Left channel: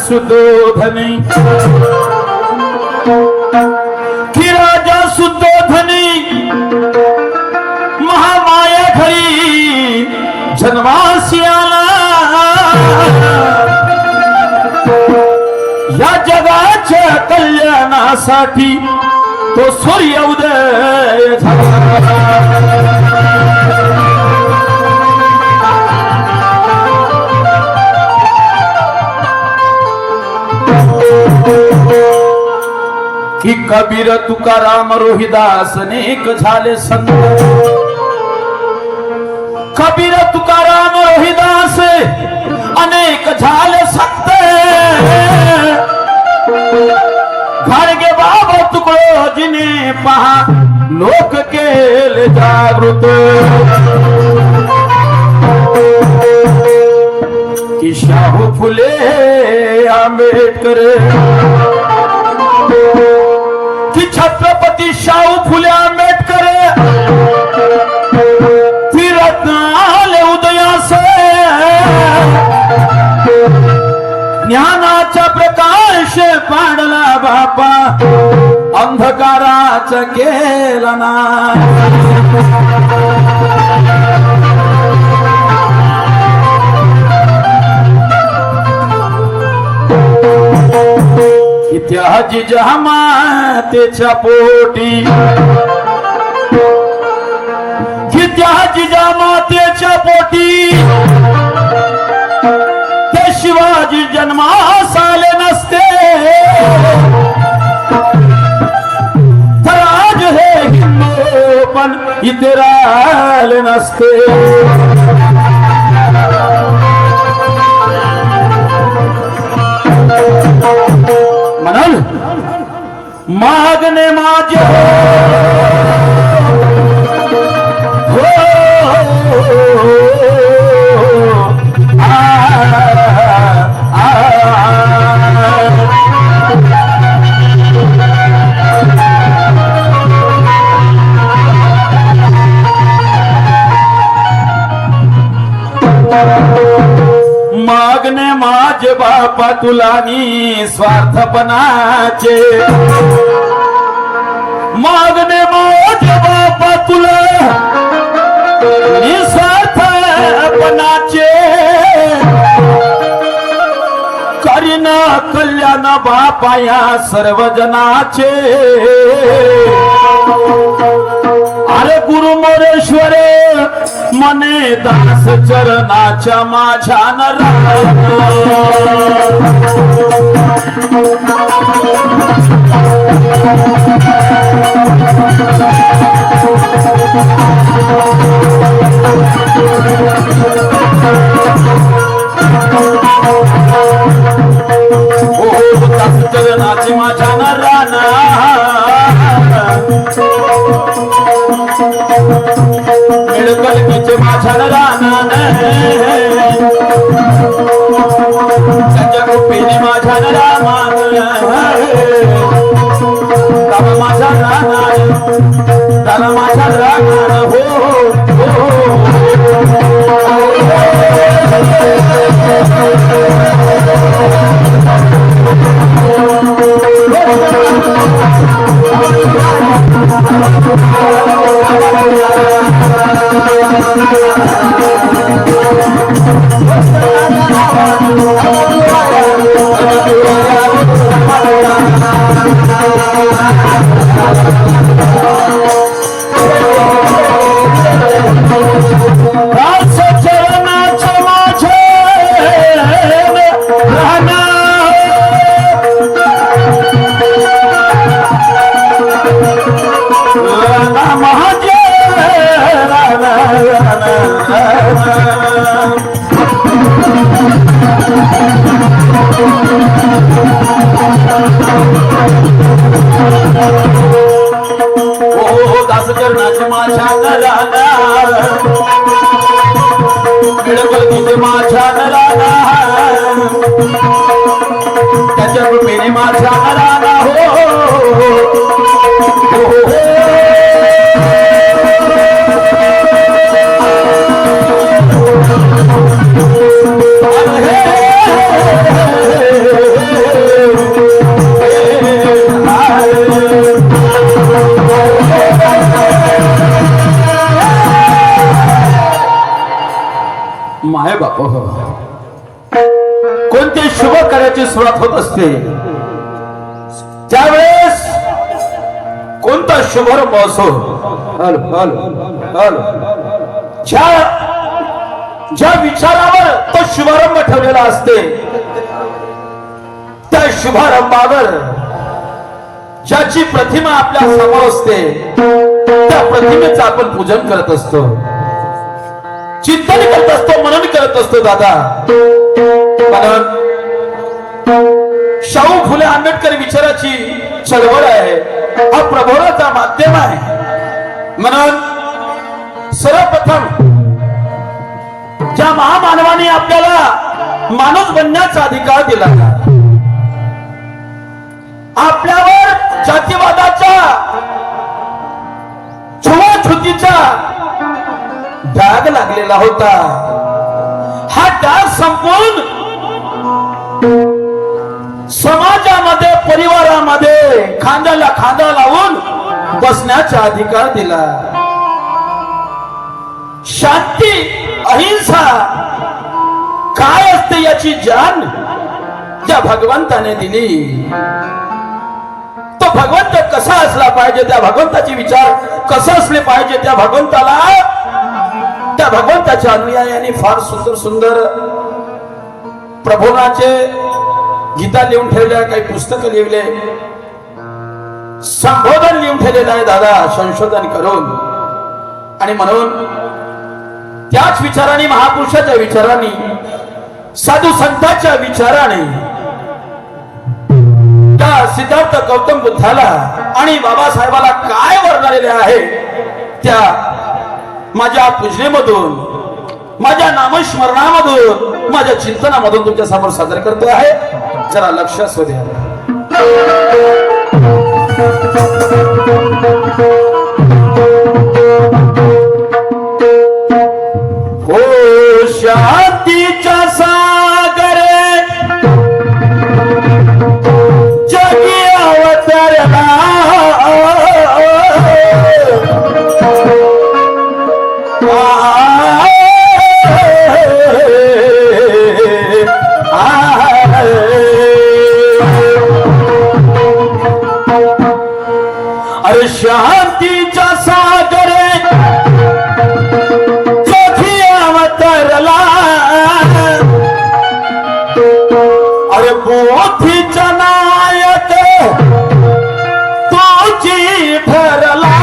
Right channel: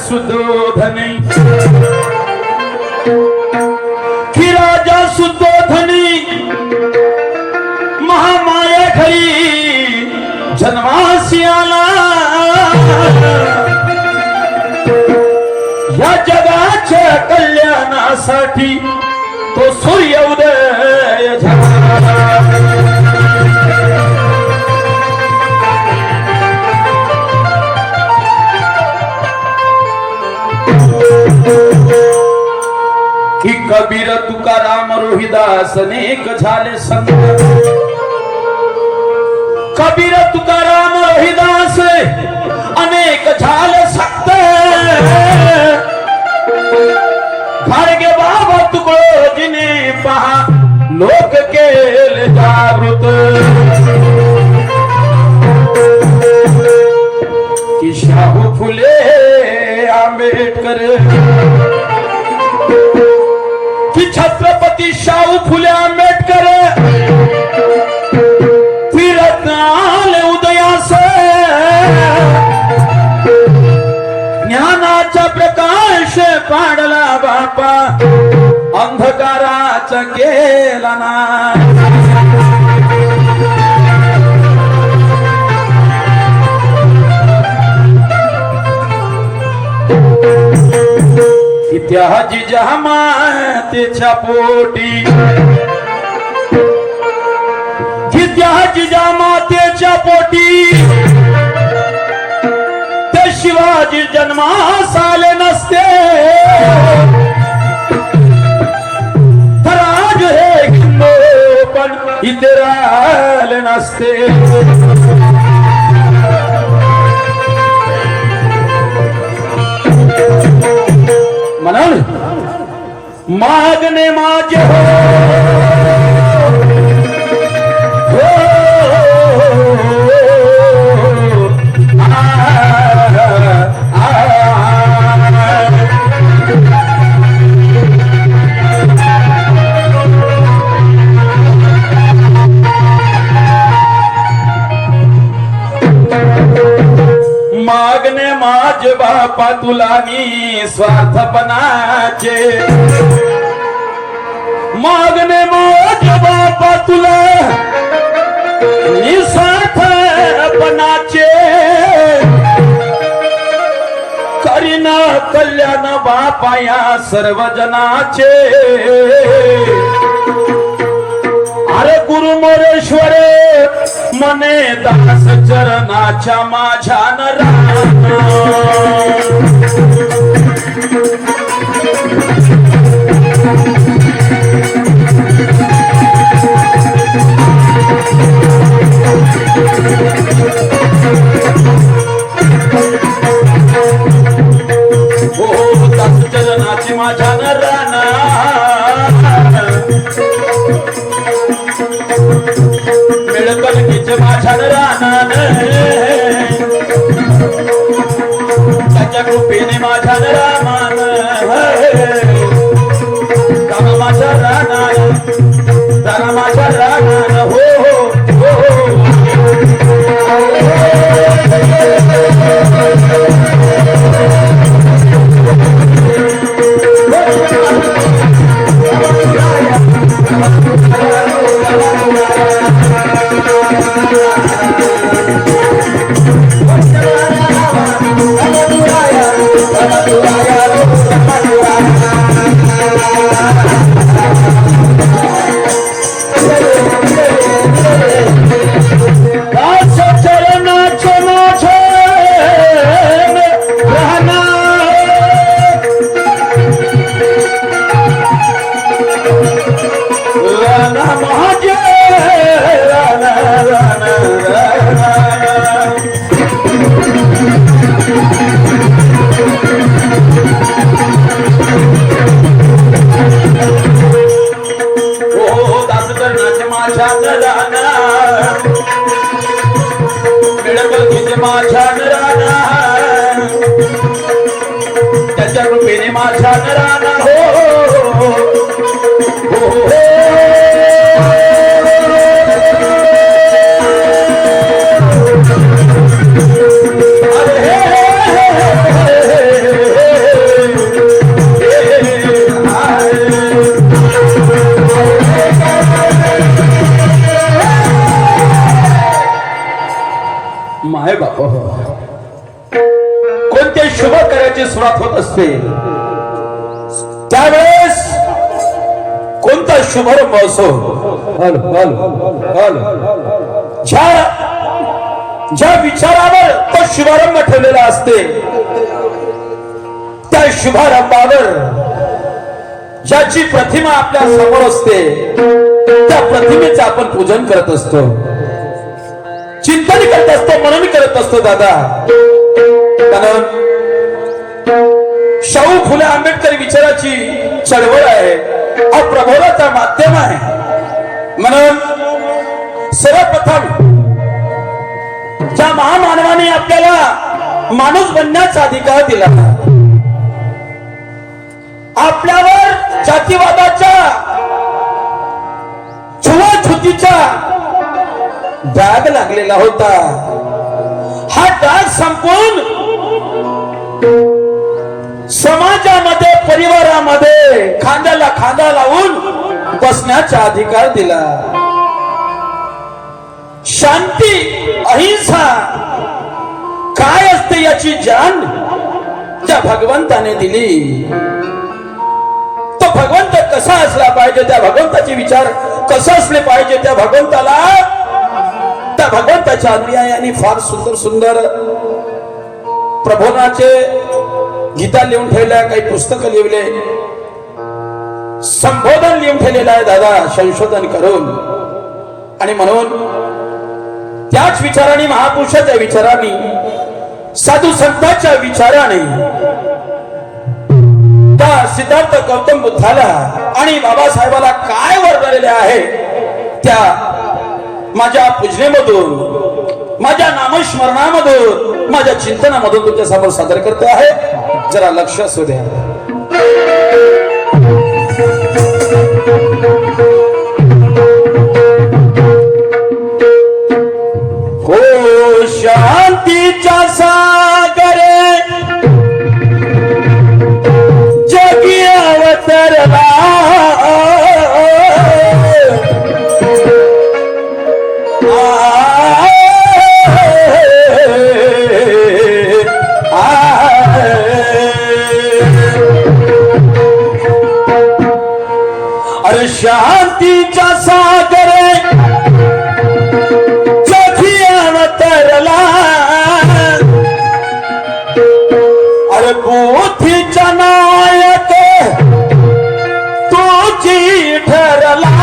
सुद्धोधनी की राजा सुद्धोधनी महामाया घरी जन्मासी आला या जगाच्या कल्याणासाठी तो सूर्य उदय झाला की कबीर तुकाराम रोहिदास अनेक झाले संत कबीर तुकाराम रोहिदास अनेक झाले संत घाडगे बाबा तुकडोजीने पहा लोक केले जागृत की शाहू फुले आंबेडकर की छत्रपती शाहू फुले आंबेडकर फिरत आले उदयास ज्ञानाचा प्रकाश पाडला बापा अंधकाराचा केला ना त्या जिजामातेच्या पोटी त्या जिजामातेच्या पोटी ते शिवाजी जन्मास आले नसते तर आज हे हिंदू पण इथे राहिले नसते म्हणून मागणे माझे मागणे माझे बापा तुला मी स्वार्थपणाचे मागणे माझे बापा तुला निस्वार्थपणाचे करीन कल्याण बापा या सर्वजनाचे अरे गुरु मोरेश्वर मने दास चरणाच्या माझ्या चरणाची माझ्या राणा मिळकलकीचे माझ्या रानान त्याच्या कृपेने माझ्या रामान दादा माझा रानान दादा माझा रानान हो कोणते शुभ कार्याची सुरुवात होत असते त्यावेळेस कोणता शुभारंभ असो ज्या विचारावर तो शुभारंभ ठेवलेला असते त्या शुभारंभावर ज्याची प्रतिमा आपल्या समोर असते त्या प्रतिमेचं आपण पूजन करत असतो, चिंतन करत असतो, मनन करत असतो दादा. म्हणून शाहू फुले आंबेडकर विचाराची चळवळ आहे, हा प्रबोधाचा माध्यम आहे. म्हणून सर्वप्रथम ज्या महामानवाने आपल्याला माणूस बनण्याचा अधिकार दिला, आपल्यावर जातीवादाच्या छुवाछुतीचा डाग लागलेला होता, हा डाग संपवून समाजामध्ये परिवारामध्ये खांद्याला खांदा लावून बसण्याचा अधिकार दिला. शांती अहिंसा काय असते याची जाण ज्या भगवंताने दिली, तो भगवंत कसा असला पाहिजे, त्या भगवंताचे विचार कसा असले पाहिजे, त्या भगवंताच्या अनुयायांनी फार सुंदर सुंदर प्रबोधनाचे गीता लिहून ठेवल्या, काही पुस्तकं लिहिले, संबोधन लिहून ठेवलेलं आहे दादा संशोधन करून. आणि म्हणून त्याच विचाराने, महापुरुषाच्या विचाराने, साधू संतांच्या विचाराने त्या सिद्धार्थ गौतम बुद्धाला आणि बाबासाहेबाला काय वर्णलेले आहे त्या माझ्या पूजनेमधून, माझ्या नामस्मरणामधून, माझ्या चिंतनामधून तुमच्या समोर सादर करतो आहे. जरा लक्ष असू द्या. हो शांतीच्या सागरे जगी अवतरला, अरे शांतीच्या सागरे जगी अवतरला, अरे बुद्धीचा नायक तुझी ठरला,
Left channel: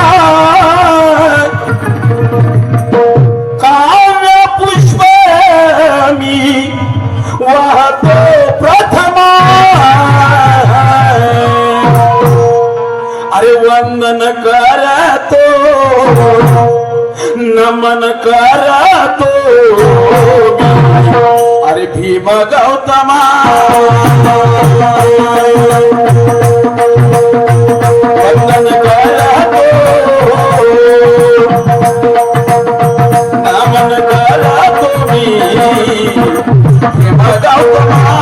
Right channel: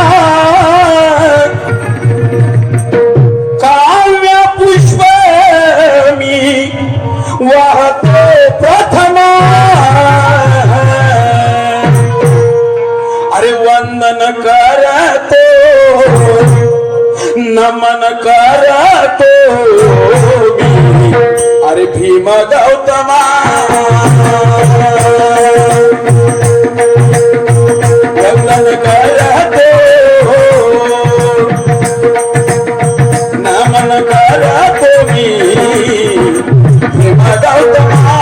काव्य पुष्प मी वाहतो प्रथमा, अरे वंदन करतो, नमन करतो, अरे भीम गौतमा, वंदन करतो, नमन करतो मी भीम गौतमा.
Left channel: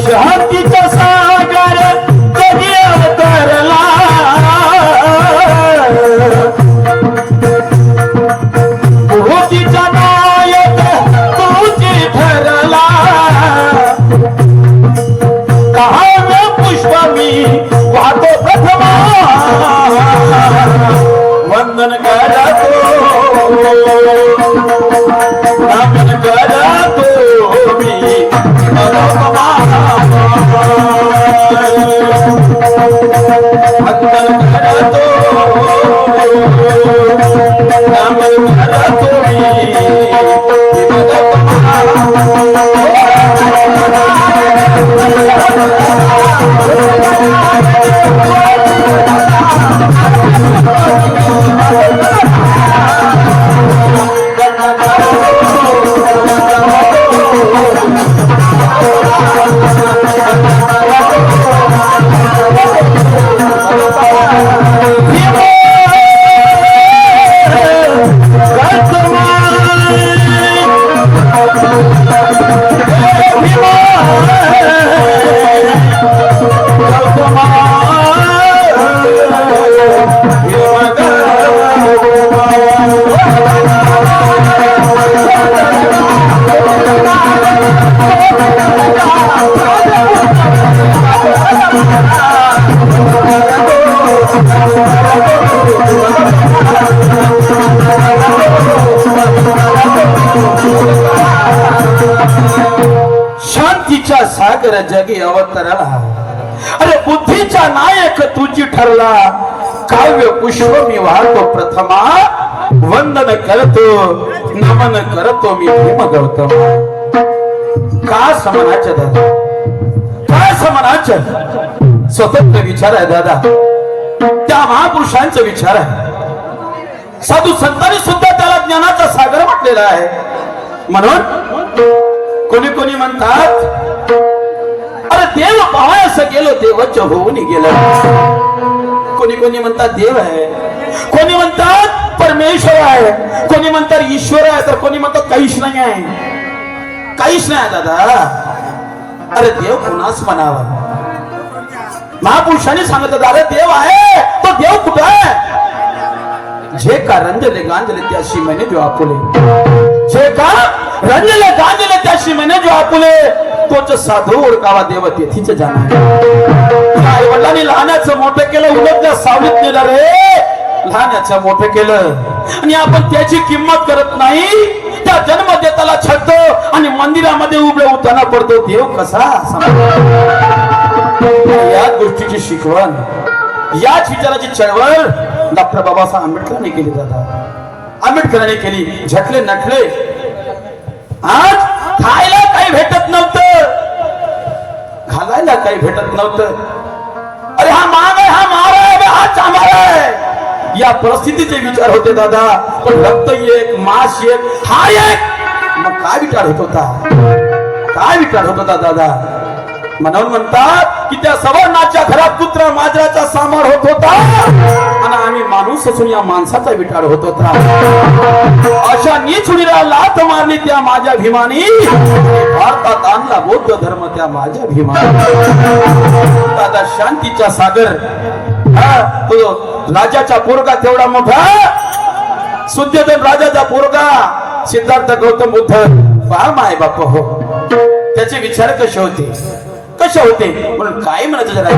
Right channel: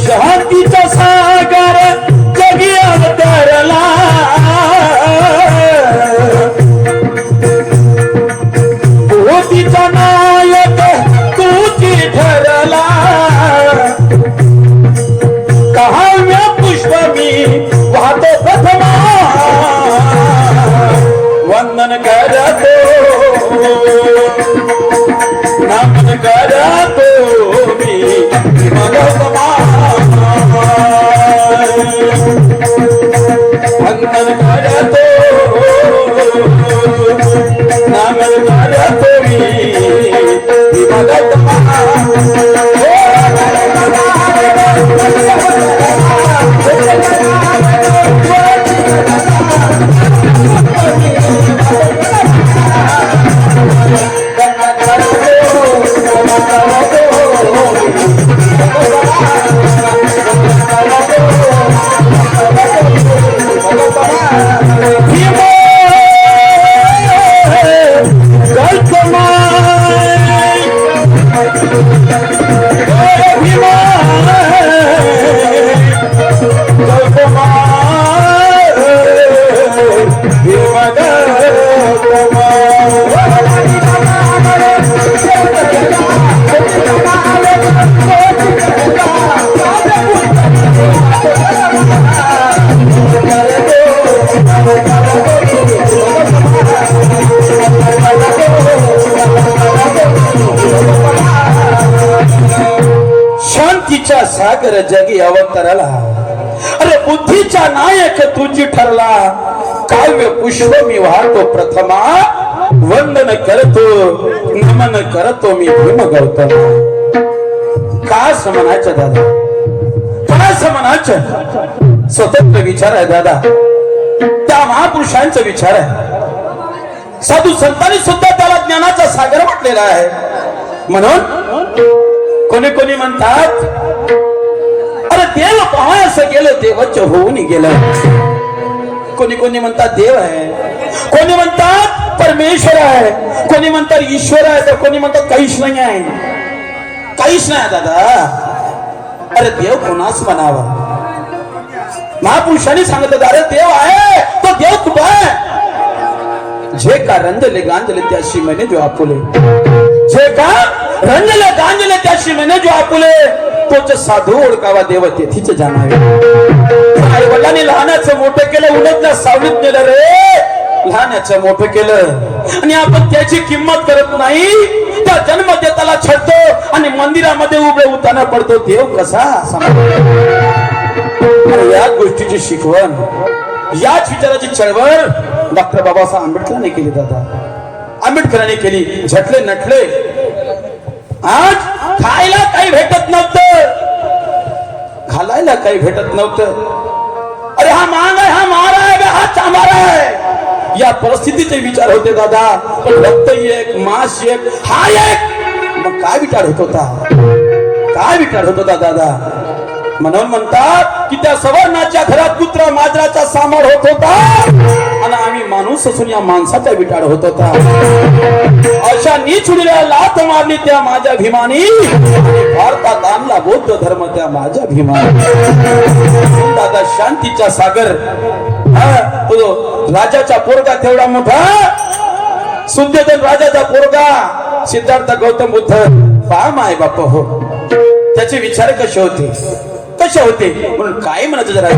शांतीचा सागर जगी अवतरला, बुद्धीचा नायक तुझी ठरला, शांतीच्या सागर जगी अवतरला, अरे बुद्धीचा नायक तुझी ठरला, काव्य पुष्प मी वाहतो प्रथमा, वंदन करतो नमन करतो मी भीम गौतम. का समनाचं दादा, का समनाचं स्वतंत्र विचार आहे दादा, त्या महापुरुषांचा विचार आहे. साधू संतांनी सुद्धा त्याला ज्ञानाचा सागर म्हटलेला आहे. म्हणून कोणी कोणी म्हणतात अरे देव पाहायचं गेलं देवाच होऊन गेलं. कोणी कोणी म्हणतात देव आहे, कोणी म्हणतात परमेश्वर आहे, कोणी म्हणतात ईश्वर आहे, तर कोणी म्हणतात काहीच नाही आहे. काहीच नाही दादा. अरे देव कोणाच म्हणावा. महापुरुषांनी सांगितलं अरे देव आहे, तो देव कुठं आहे. जे का रंजले गांजले त्याशी म्हणे जो आपुले, जे का रंजले गांजले त्याशी म्हणे जो आपुले, तोच साधू ओळखावा देव तेथीच जाणार. आई वडिलांनी लहानाचं मोठं केलं, उलटच्या सावलीत नेलं रे, लहानाचं मोठं केलं आणि आपण त्याची किंमत करत नाही. त्या जन्मदेताला छळतो आणि मंदिरामध्ये उभे उताना पडतो. देव कसा. या गोष्टीची शिकवण, याच विचाराची चळवळ डॉक्टर बाबासाहेब आंबेडकरांनी केली दादा. आंबेडकरांनी केली. झटले नटले. आज खायला काही भेटत नव्हतं, घालायला काही भेटत नव्हतं. अरे हा मांग आहे, हा मारा आहे, हा चांभारा आहे. या परिस्थितीचे विचार होते दादा. रक्त एक, मांस एक, हा एक. मग काय विचार होत होता, काय विचार होत होता दादा. म्हणून म्हणतात की त्या सवर्णाच्या घरात पुत्र माजराचा सामार होत होता आणि आम्ही माणूस असून या माणसाचा विचार होत होता. अशा नीचुडीला लाथ मारली त्या माझ्या भीमानी, भारतात आणला बौद्ध धर्म त्या माझ्या भीमानी. दादा शांतीचा सागर, तो राजाचा पोरगा तेवढा मोठा, सुद्योधन राजाचा पोरगा सिद्धार्थ गौतम बुद्ध फार आहे बाप हो. त्याचे विचार कसे होते, कसे होते म्हणून काय म्हणत जरा.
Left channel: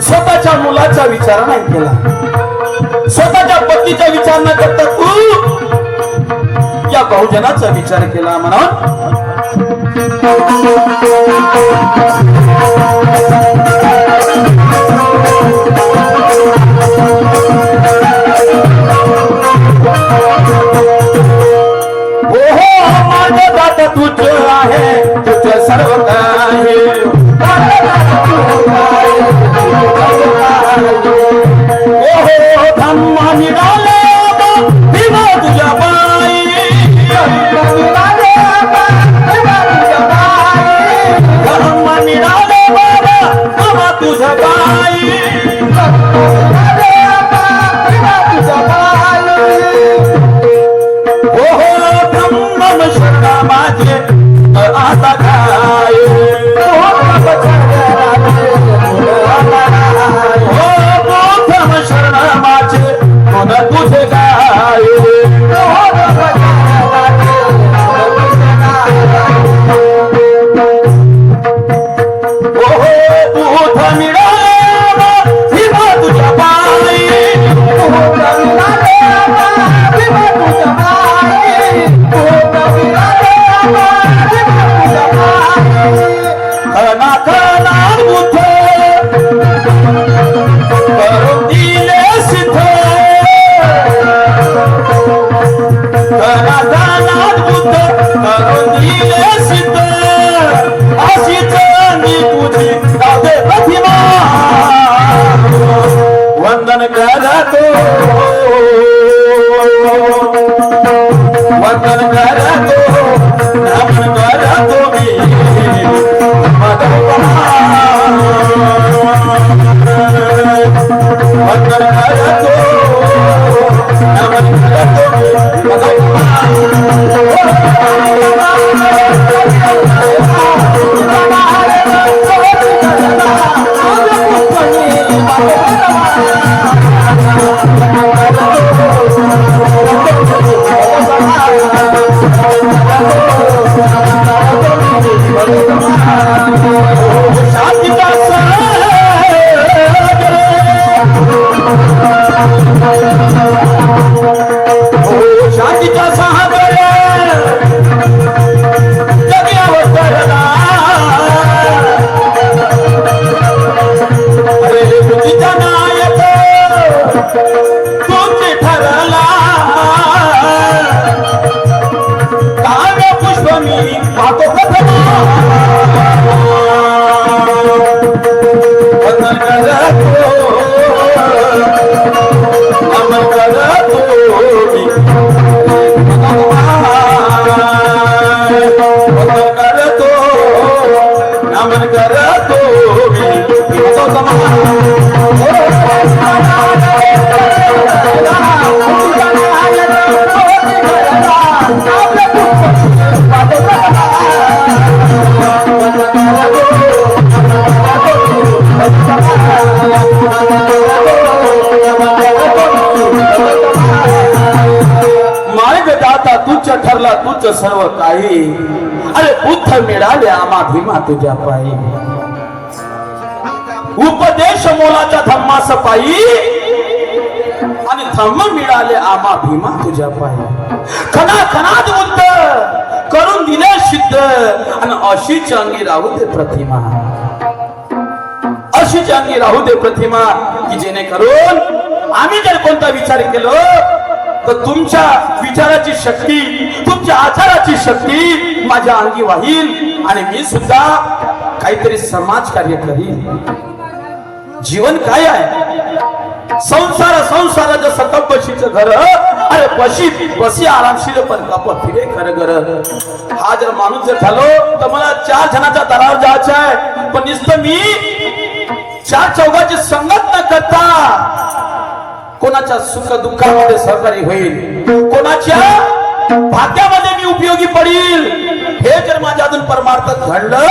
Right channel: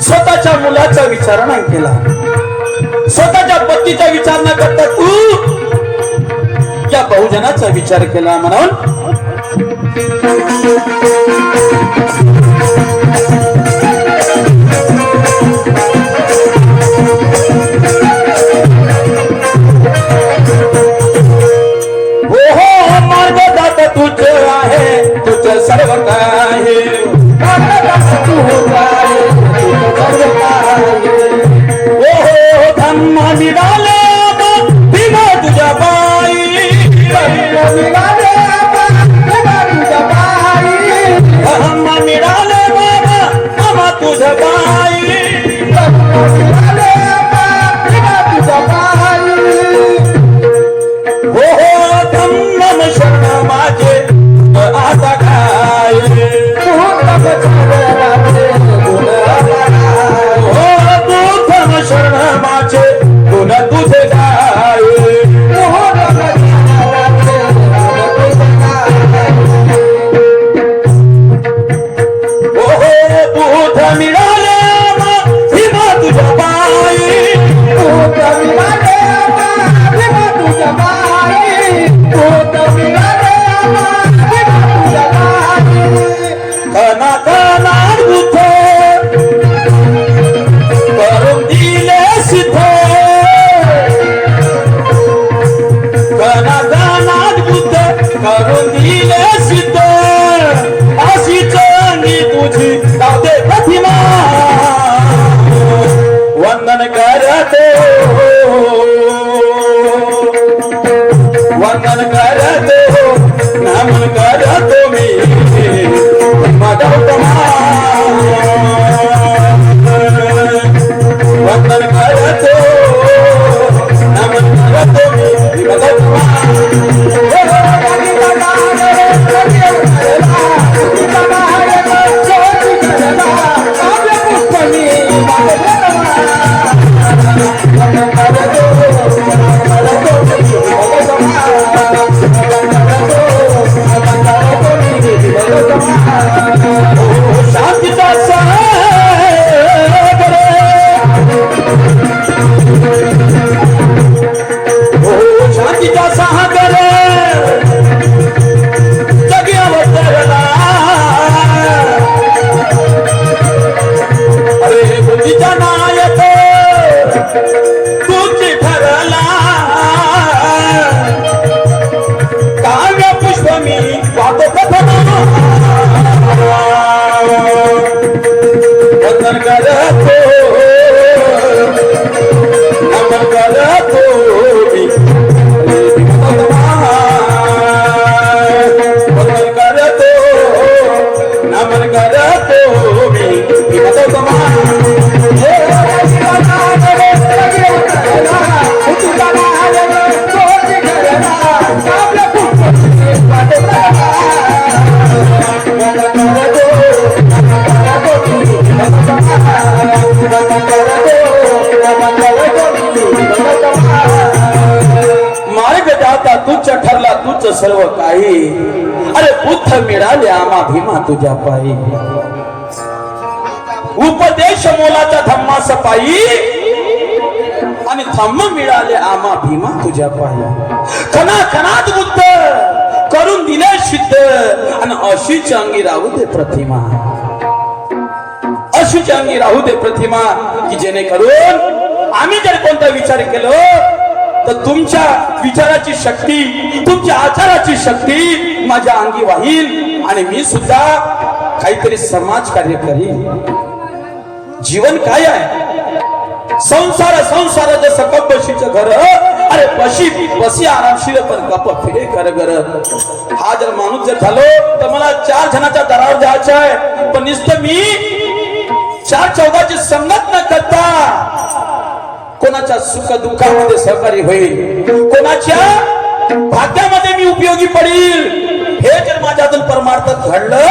स्वतःच्या मुलाचा विचार नाही केला, स्वतःच्या पत्नीचा विचार न करता तू या बहुजनाचा विचार केला. म्हणून करतो वंदन करतो नमन करतो मी वंदन करतो नमन सर्व काही अरे बुद्ध मिळाले आम्हा भीमा तुझ्या पायी उपदेश मोलाच्या धम्मास पायी आणि धम्म मिळाले आम्हा भीमा तुझ्या पायी खना खनात बुद्ध करून दिले सिद्ध आणि अशीच अंगी राहू दे प्रतिमा अशीच अंगी राहू दे प्रतिमा की जेणेकरून आम्ही जर कोणता विचार केलो तर तुमच्या विचाराची शक्ती तुमच्या आचाराची शक्ती माझ्या अंगी वाहील आणि मी सुद्धा काहीतरी समाज कार्य करीन जीवन काय आहे संसार जसं कपशीचं घर अरे बसी आरामशीर पण कप फिरे खरं घर हा जर माणूस जर झालो तर मला 4 जणांच्या दरावर जायचं आहे पण नुसतं मी 4 चौघाची संगत न करता कोणाच्या सुख दुःखामध्ये सहकारी होईल कोणाच्या भाग्यामध्ये मी उपयोगी पडेल हे जर माझ्यातून परमार्थ घडलं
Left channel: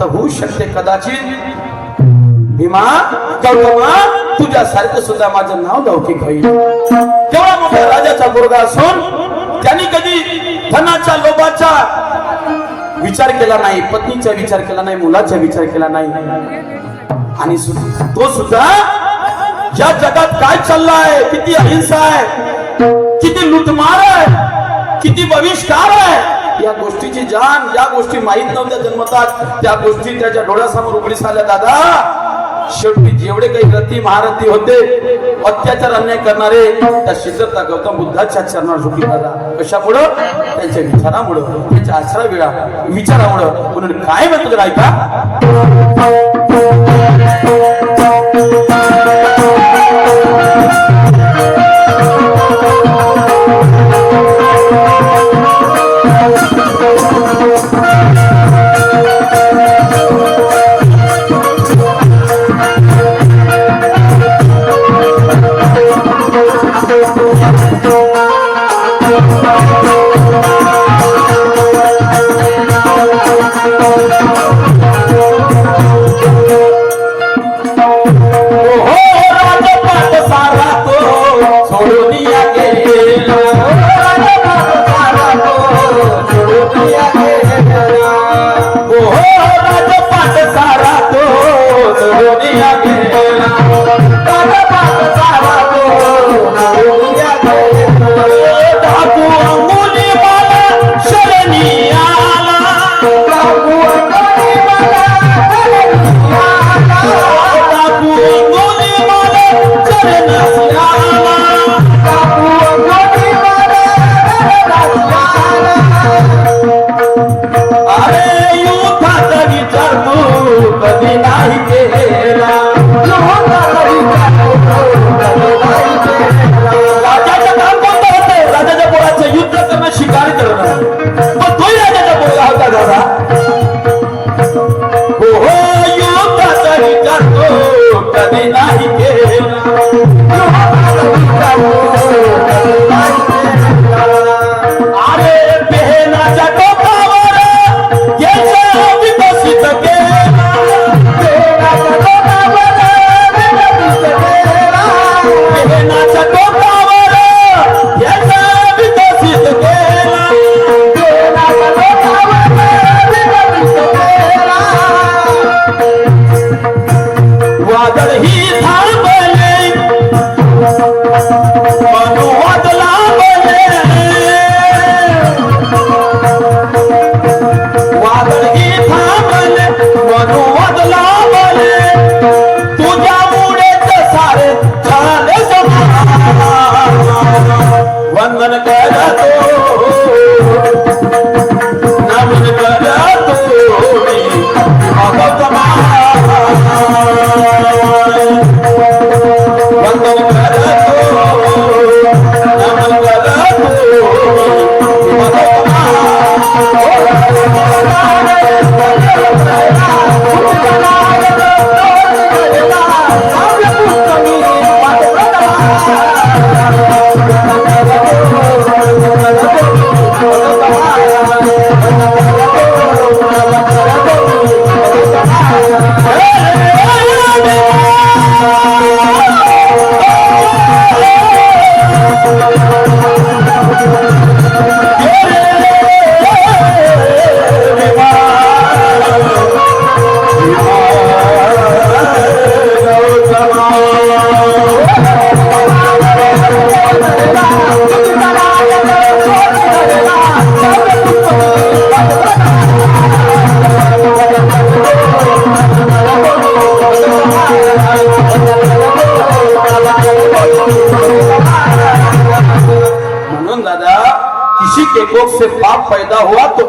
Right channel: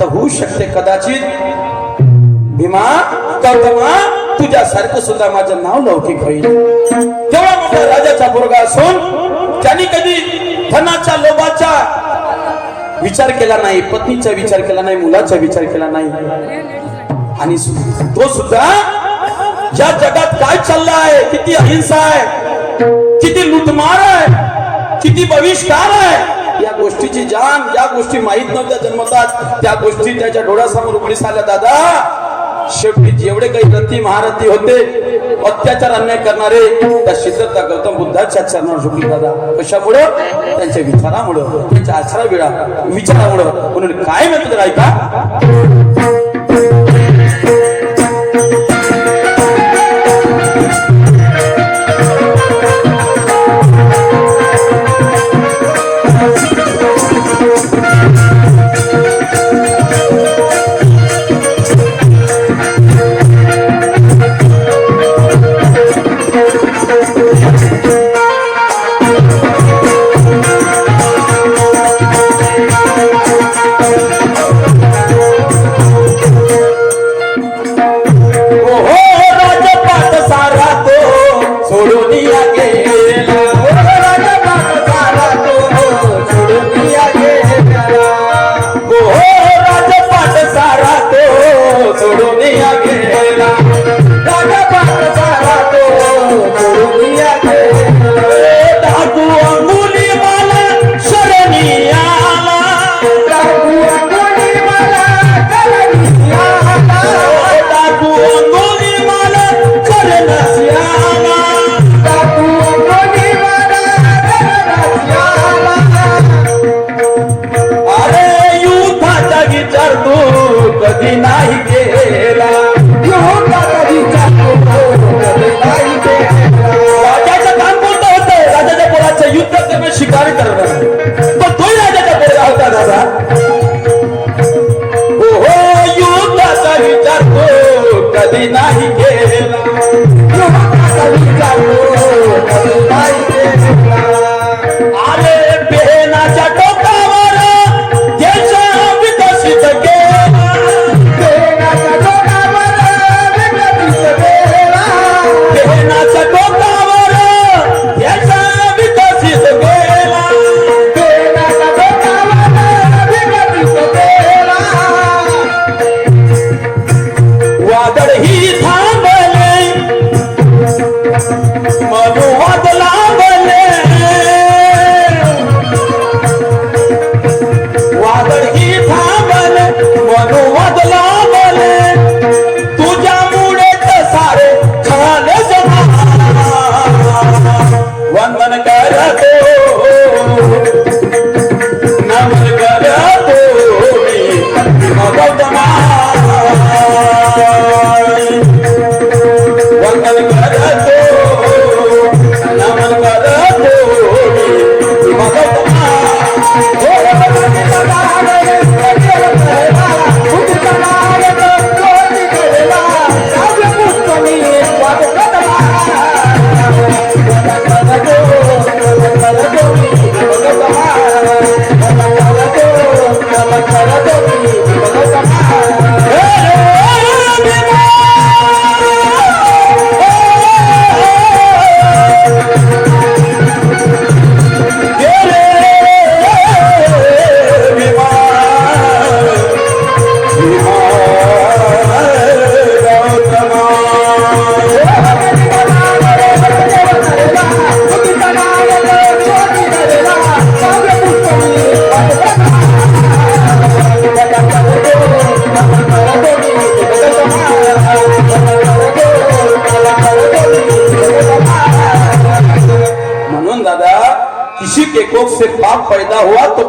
तर होऊ शकते कदाचित भीमा गौतमा तुझ्यासारखं सुद्धा माझं नाव लौकिक होईल तेव्हा मोठ्या राजाचा मुलगा असून त्यांनी कधी धनाच्या लोभाचा विचार केला नाही पत्नीचा विचार केला नाही मुलाचा विचार केला नाही आणि तो सुद्धा ज्या जगात काय चाललाय किती अहिंसा आहे किती लुटमार आहे किती बहिष्कार आहे या गोष्टीची जाण ज्या गोष्टी माहित नव्हत्या जन्मतात त्या गोष्टी त्याच्या डोळ्यासमोर उघडीस आल्या दादा शेवटी जेवढे काही रती महारथी होते अत्याचार अन्याय करणारे त्या सिद्धार्थ गौतम बुद्धाच्या चरणावर झुकले दादा कशामुळं त्यांच्या विचारामुळं त्यांच्या आचरा विचारामुळं म्हणून काय म्हणतो ऐका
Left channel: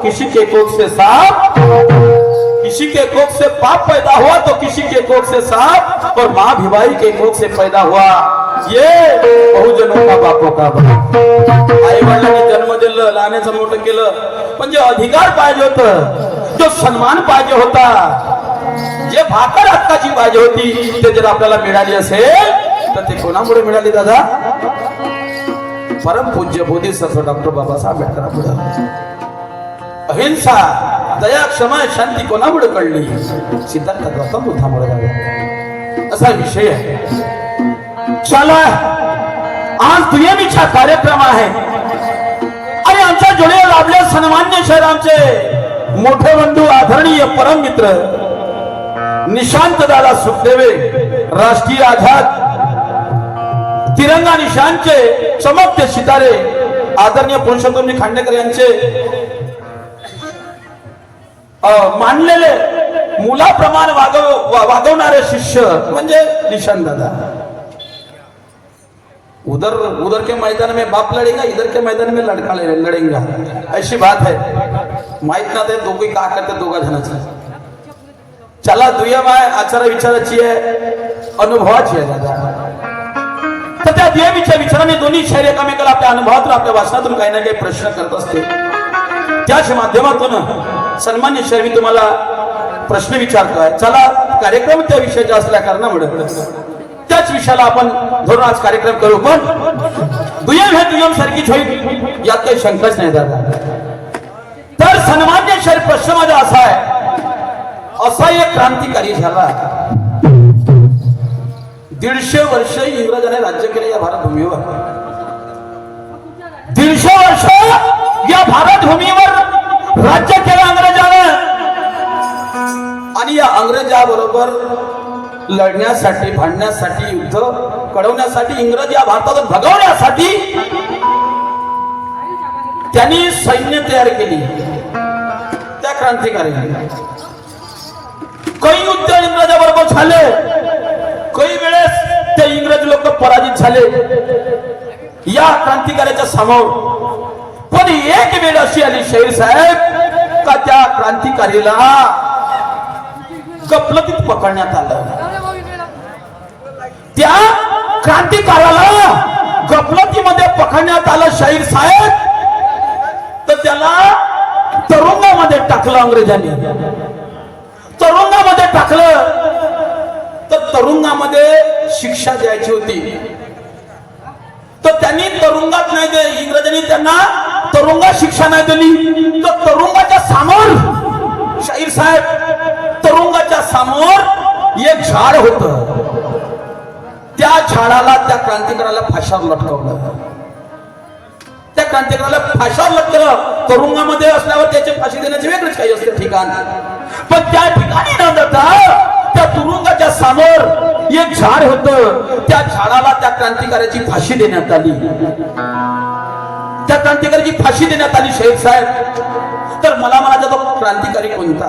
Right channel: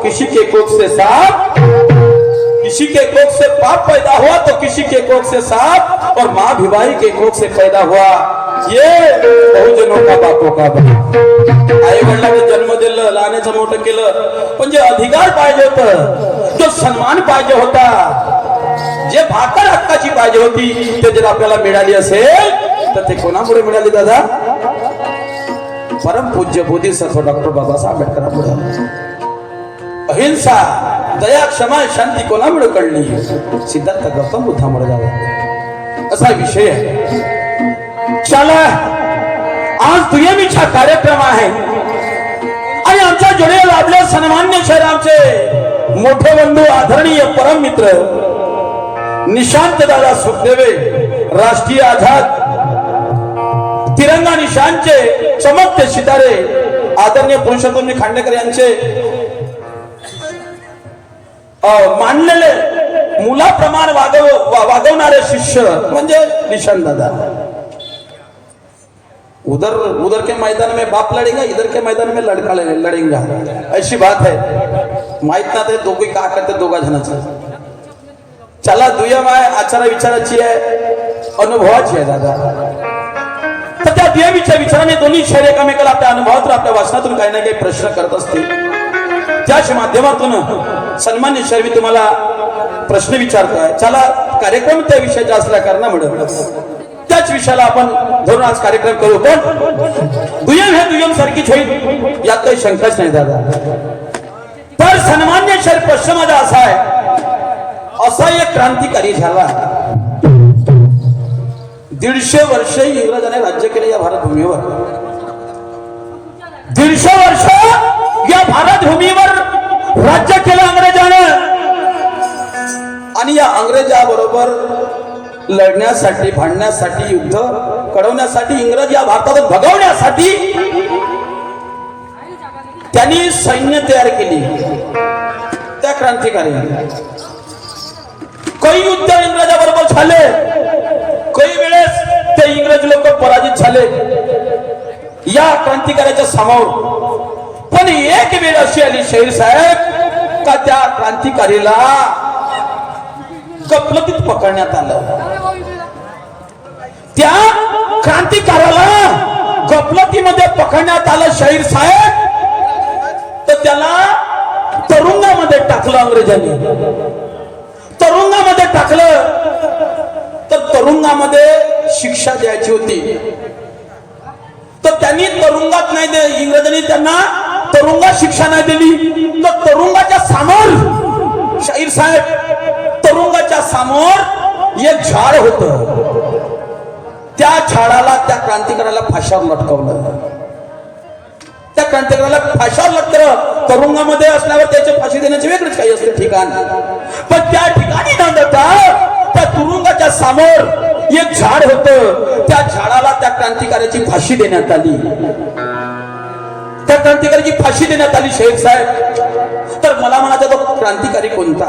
किसी के कोख से सांप, किसी के कोख से पाप पैदा हुआ तो किसी के कोख से सांप, और माँ भिवाई के कोख से पैदा हुआ ये बहुजनों का बापों का आई वडिलांनी जन्म दिलं, लहानाचं मोठं केलं, पण जे अधिकार पाहिजे होतं, जो सन्मान पाहिजे होता, जे भाकर हक्काची पाहिजे होती, ते जर आपल्याला मिळाली असेल तर ते कोणामुळे मिळाली दादा? परम पूज्य बोधिसत्व डॉक्टर बाबासाहेब आंबेडकरांमुळे. अहिंसा, दया, क्षमा, शांती कोणामुळे कळली? सिद्धार्थ गौतम बुद्धामुळे. असा विषय आहे. चला आज दुय्यमीचा कार्यक्रम आहे आणि आमच्या जोडे आपल्या सन्मान्य शहराचे मोठे बंधू, आदरणीय परम मित्र निशांत दादा सुखदेवे, राष्ट्रीय आझाद तिरंगा निशांचे चमकते सितारे, आदरणीय पुरुषोत्तमजी खांडेकर यांचे मानलेले मुलाप्रमाण वागवणारे शिष्य म्हणजे निशांत दादा. उधर के मैदान में बाप लड़ेगा, इधर के मैदान में लड़का लड़ेगा, ऐसी बात है. माहित ना ते दोघे का करते दोघा जणांचं. चला दुय्यम आहे, आचार विचाराची आहे, अनुभवाची आहे दादा. तर त्या दुय्यमीच्या विचाराने दोन्ही शहर एकमेकाला आपल्या अनुभवातून, आपल्या वाचनातून काही ना काही प्रश्न करत असते. त्याच माध्यमातून सन्मान्य शहर मी तुम्हाला प्रश्न विचारतोय. चला कार्यक्रम त्या विषयाचा असल्या कारणामुळे त्याच विषयाला आपण धरून आज कार्यक्रम करू. पण दुय्यम हे नियम सारखीच होईल यात काही शंकाच नाही दादा. तर सन्मान्य शहर प्रश्न माझा असा आहे, असा एक क्रांतिकारी झाला, 150 वर्ष इंग्रजांनी राज्य केले या भारत भूमीवर. 150 वर्ष या भारत भूमीवर राज्य केलं अंग्रेजानं, आणि या अंग्रेजाबरोबर लढण्यासाठी, भांडण्यासाठी, युद्ध कडवण्यासाठी, इंग्रज या भारतातून भगवण्यासाठी त्यांनी सैन्य तयार केली. त्या क्रांतिकार्याने काही युद्ध इंग्रजाबरोबर झाले, काही वेळेस ते इंग्रज लोक पराजित झाले या क्रांतिकार्याच्या समोर. पण एक वेळ अशी आली शाहीर साहेब का त्या क्रांतिकारीला गफलतीत पकडण्यात आलं. त्या क्रांतिकाराला गफलतीमध्ये पकडण्यात आलं शाहीर साहेब. तर त्याला तुरुंगामध्ये टाकलं अंग्रेजांनी. तुरुंगामध्ये टाकलं तर तुरुंगामध्ये शिक्षा द्यायची होती. तर त्यांनी तुरुंगात नाही दिली, इंग्रजांनी त्यांना तुरुंगात शिक्षा नाही दिली. तर तुरुंगाच्या समोर शाहीर साहेब, तुरुंगाच्या समोर एक झाड होतं. त्या झाडाला, त्या क्रांतिकाराला फाशावर लटकवलं. त्या क्रांतिकाराला फाशावर लटकवलं. तुरुंगामध्ये असल्यावर त्याची फाशी देण्याचे वेगळेच काही असते ठिकाण. पण त्या ठिकाणी न जाता त्या तुरुंगाच्या समोर एक झाड होतं. त्या झाडाला त्या क्रांतिकाराची फाशी देण्यात आली. त्या क्रांतिकाराची फाशी देण्यात आली शाहीर साहेब. तर मला म्हणायचं तो क्रांतिकारी कोणता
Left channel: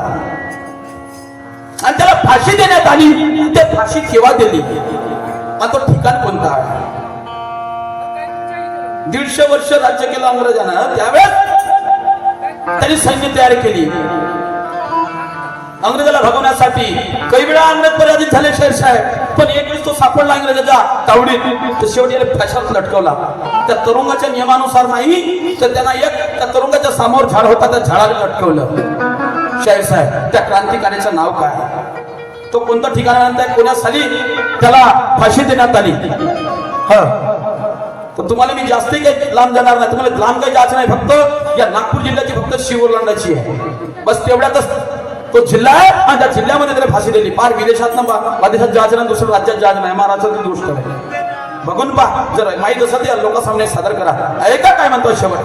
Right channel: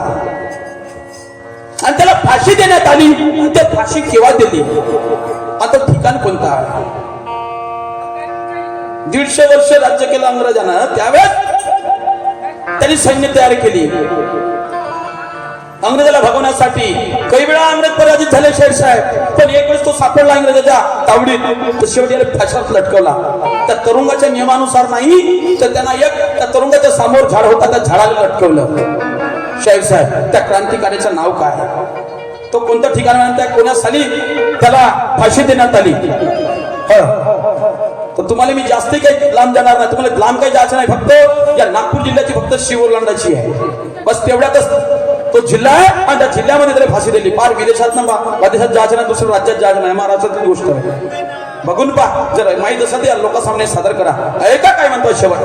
आणि त्याला फाशी देण्यात आली, ते फाशी केव्हा दिली, आता ठिकाण कोणता? 150 वर्ष राज्य केलं अंग्रेजांना. त्यावेळेस त्यांनी सैन्य तयार केली अंग्रेजाला भगवण्यासाठी. काही वेळा अंग्रेज पराजित झाले शाहीर साहेब, पण एक वेळेस तो सापडला इंग्रजाच्या तावडीत, तर शेवटी फाशात लटकवला. त्या तुरुंगाच्या नियमानुसार नाही, तर त्यांना एक त्या तुरुंगाच्या समोर झाड होता, त्या झाडाला लटकवलं. शाहीर साहेब, त्या क्रांतिकार्याचं नाव काय? तो कोणतं ठिकाण म्हणताय, कोण्या साली त्याला फाशी देण्यात आली? तर तुम्हाला मी जास्त काही लांब जाणार नाही, तुम्हाला लांब काही जायचं नाही. फक्त या नागपूर जिल्ह्याची फक्त शिव ओलांडायची आहे, बस तेवढ्यातच तो जिल्हा आहे. आणि त्या जिल्ह्यामध्ये त्याला फाशी दिली. फार विदेशात परदेशात जायचं नाही, दुसऱ्या राज्यात जायचं नाही, महाराष्ट्रात गोष्ट आहे. बघून पहा, जर माहित असं ते लोकांसामने सादर करा. ऐका काय म्हणतो शेवट.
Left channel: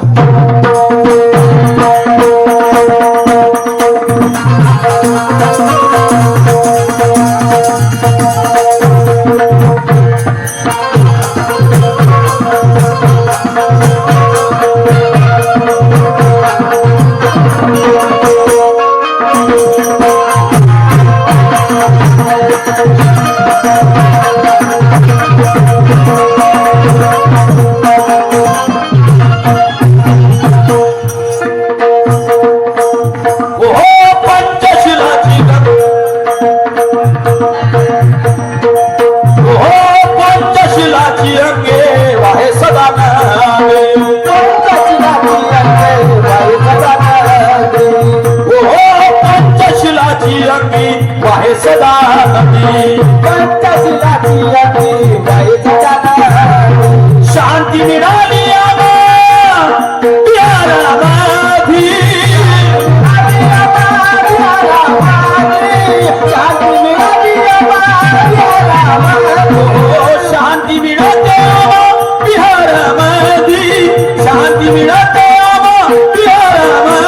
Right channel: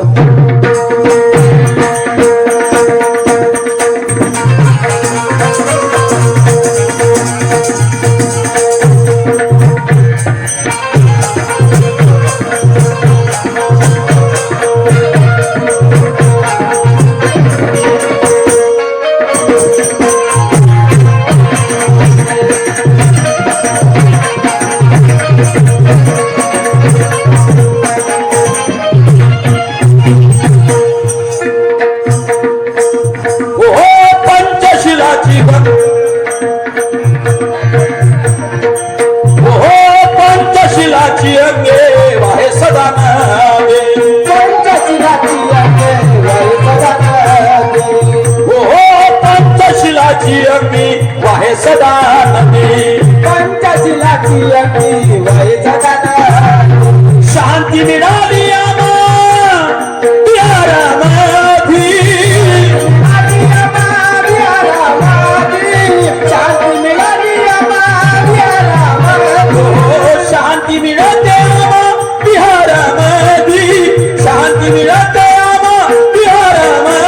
पंचशिलाची अंगे वाहे सदा नावे पंचशिलाची अंगी वाहे सदा नावे शांती मिळाली शांती मिळते बिहारामध्ये शांती मिळते बिहारामध्ये